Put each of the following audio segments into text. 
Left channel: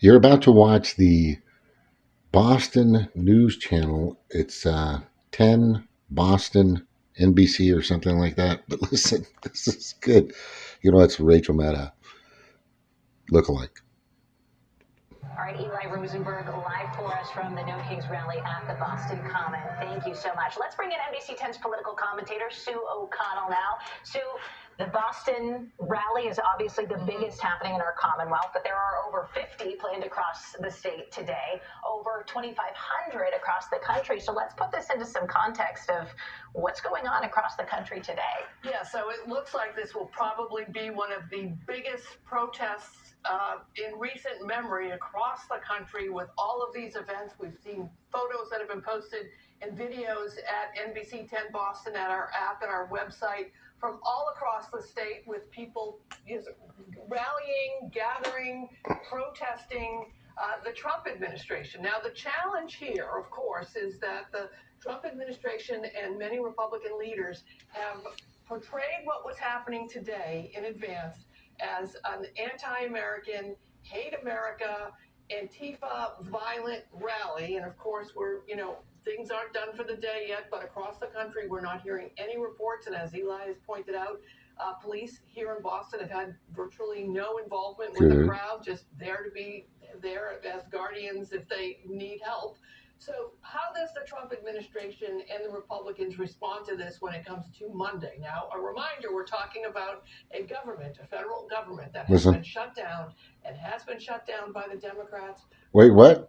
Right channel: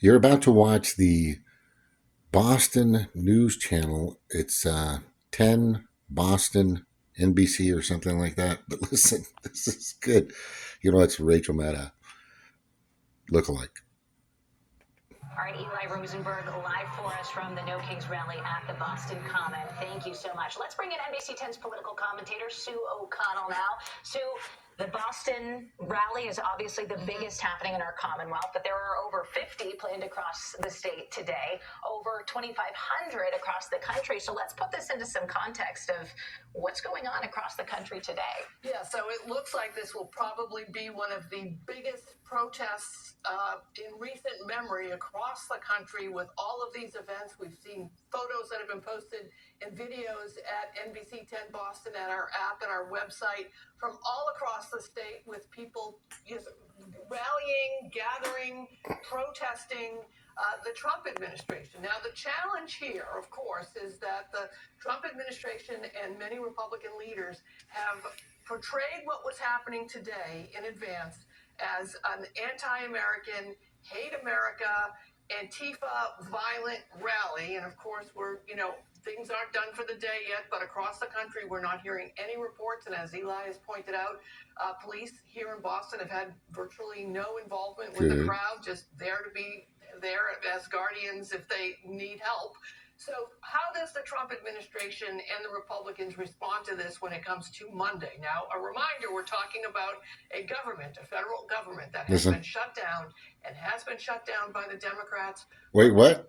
You're about to watch the Boston News Channel. It's 10 Boston NBC or something like that. But listen, this is good. You know, it's Rachel Maddow lookalike. All right, Eli Rosenberg, live for us from the No Kings rally at the Boston Common. Thank you so much. Let's bring in NBC 10's political commentator, Sue O'Connell now. Sue, the Boston rally is obviously the biggest happening in our Commonwealth, but there are over 50 planned across the state today, over 2,500 across the country. So let's put this into some context of what's going on across the country today. Yeah, so it looks like this will probably be one of the biggest protests in recent memory across the country with all of these events. We've seen photos that have been posted and videos at NBC 10 Boston, at our app and our website, from all across the state, with people rallying, gathering, protesting the Trump administration. Now, the challenge here, of course, is that the Trump administration and many Republican leaders have portrayed what was happening today in advance as an anti-American, hate America, Antifa violent rally. And of course, things aren't done for the day yet, but across the country, we're not hearing any reports. And as Eli has pointed out, police here in Boston have had virtually no involvement with the crowd, just there to be there as guardians if they need help. So how does the Trump administration and the Republicans respond to this when it comes to Monday? Now, a reminder, we're talking about a government, a federal government that has been shut down and has been shut down by the Democrats. Wait, what?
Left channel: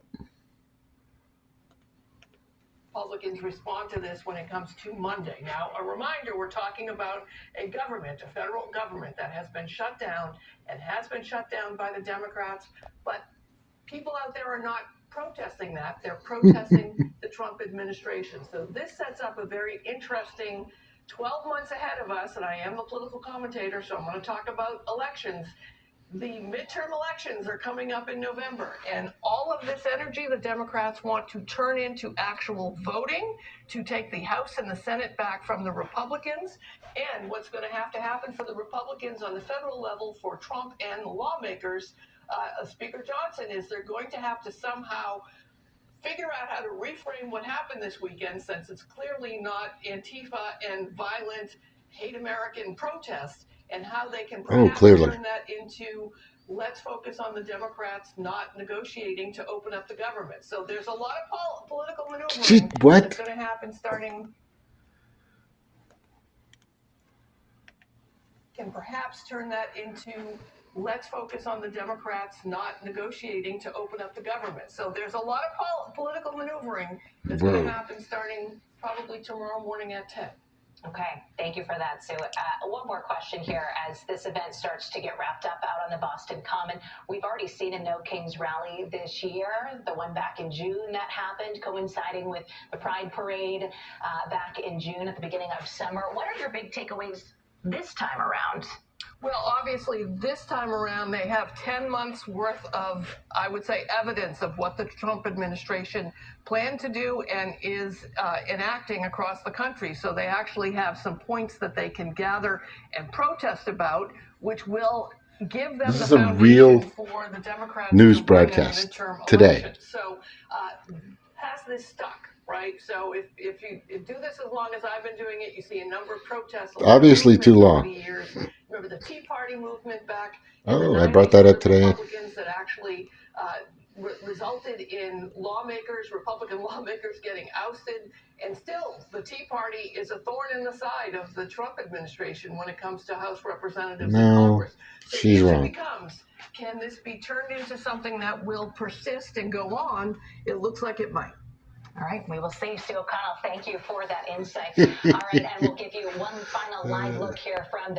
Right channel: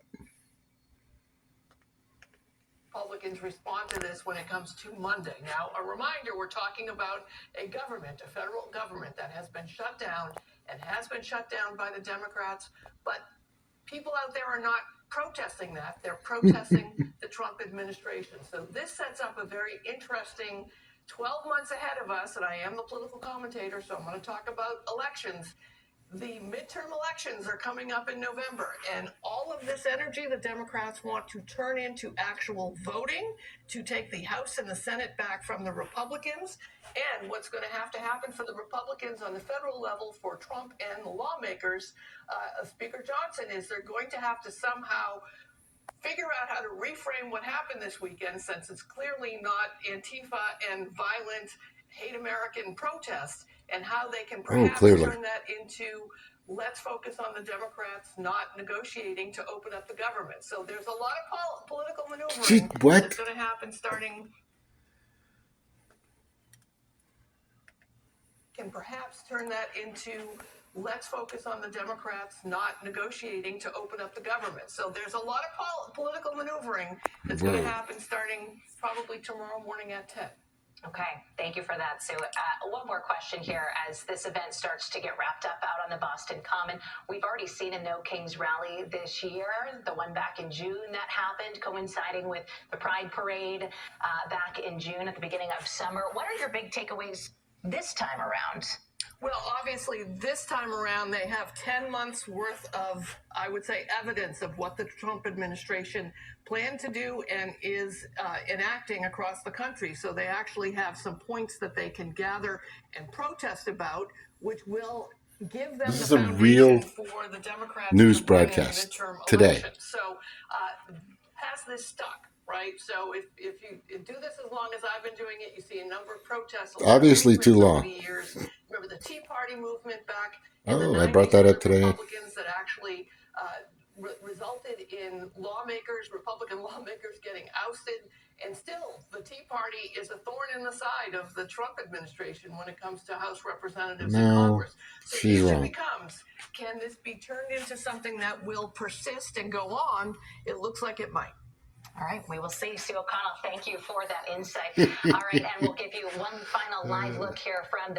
Republicans respond to this when it comes to Monday. Now, a reminder, we're talking about a government, a federal government that has been shut down and has been shut down by the Democrats, but people out there are not protesting that. They're protesting the Trump administration. So this sets up a very interesting 12 months ahead of us, and I am the political commentator, so I'm going to talk about elections. The midterm elections are coming up in November, and all of this energy the Democrats want to turn into actual voting to take the House and the Senate back from the Republicans. And what's going to happen for the Republicans on the federal level, for Trump and the lawmakers, Speaker Johnson, is they're going to have to somehow figure out how to reframe what happened this weekend, since it's clearly not Antifa and violent hate American protests, and how they can perhaps turn that into, let's focus on the Democrats not negotiating to open up the government. So there's a lot of political maneuvering that's going to happen starting. Can perhaps turn that into, let's focus on the Democrats not negotiating to open up the government. So there's a lot of political maneuvering that's going to happen starting probably tomorrow morning at 10. Okay, thank you for that, Sue. One more question here as this event starts to get wrapped up out on the Boston Common. We've already seen a No Kings rally this year, the one back in June that happened, coinciding with the Pride Parade back in June at the beginning of summer. What are your big takeaways this time around? Well, obviously, this time around, they have 10 months worth of, I would say, evidence of what the Trump administration planned to do and is enacting across the country. So they actually have some points that they can gather and protest about, which will give them the foundation for the Democrats news to broadcast win in the midterm today. Election. So has this stuck? Right, so if you do this as long as I've been doing it, you see a number of protests. Obviously too long. Years. Remember the Tea Party movement back? I brought that up today. Republicans that actually resulted in Republican lawmakers getting ousted, and still the Tea Party is a thorn in the side of the Trump administration when it comes to House representatives and Congress. So the issue becomes, can this be turned into something that will persist and go on? It looks like it might. All right, we will see. Sue O'Connell, thank you for that insight. All right, and we'll give you one final live look here from the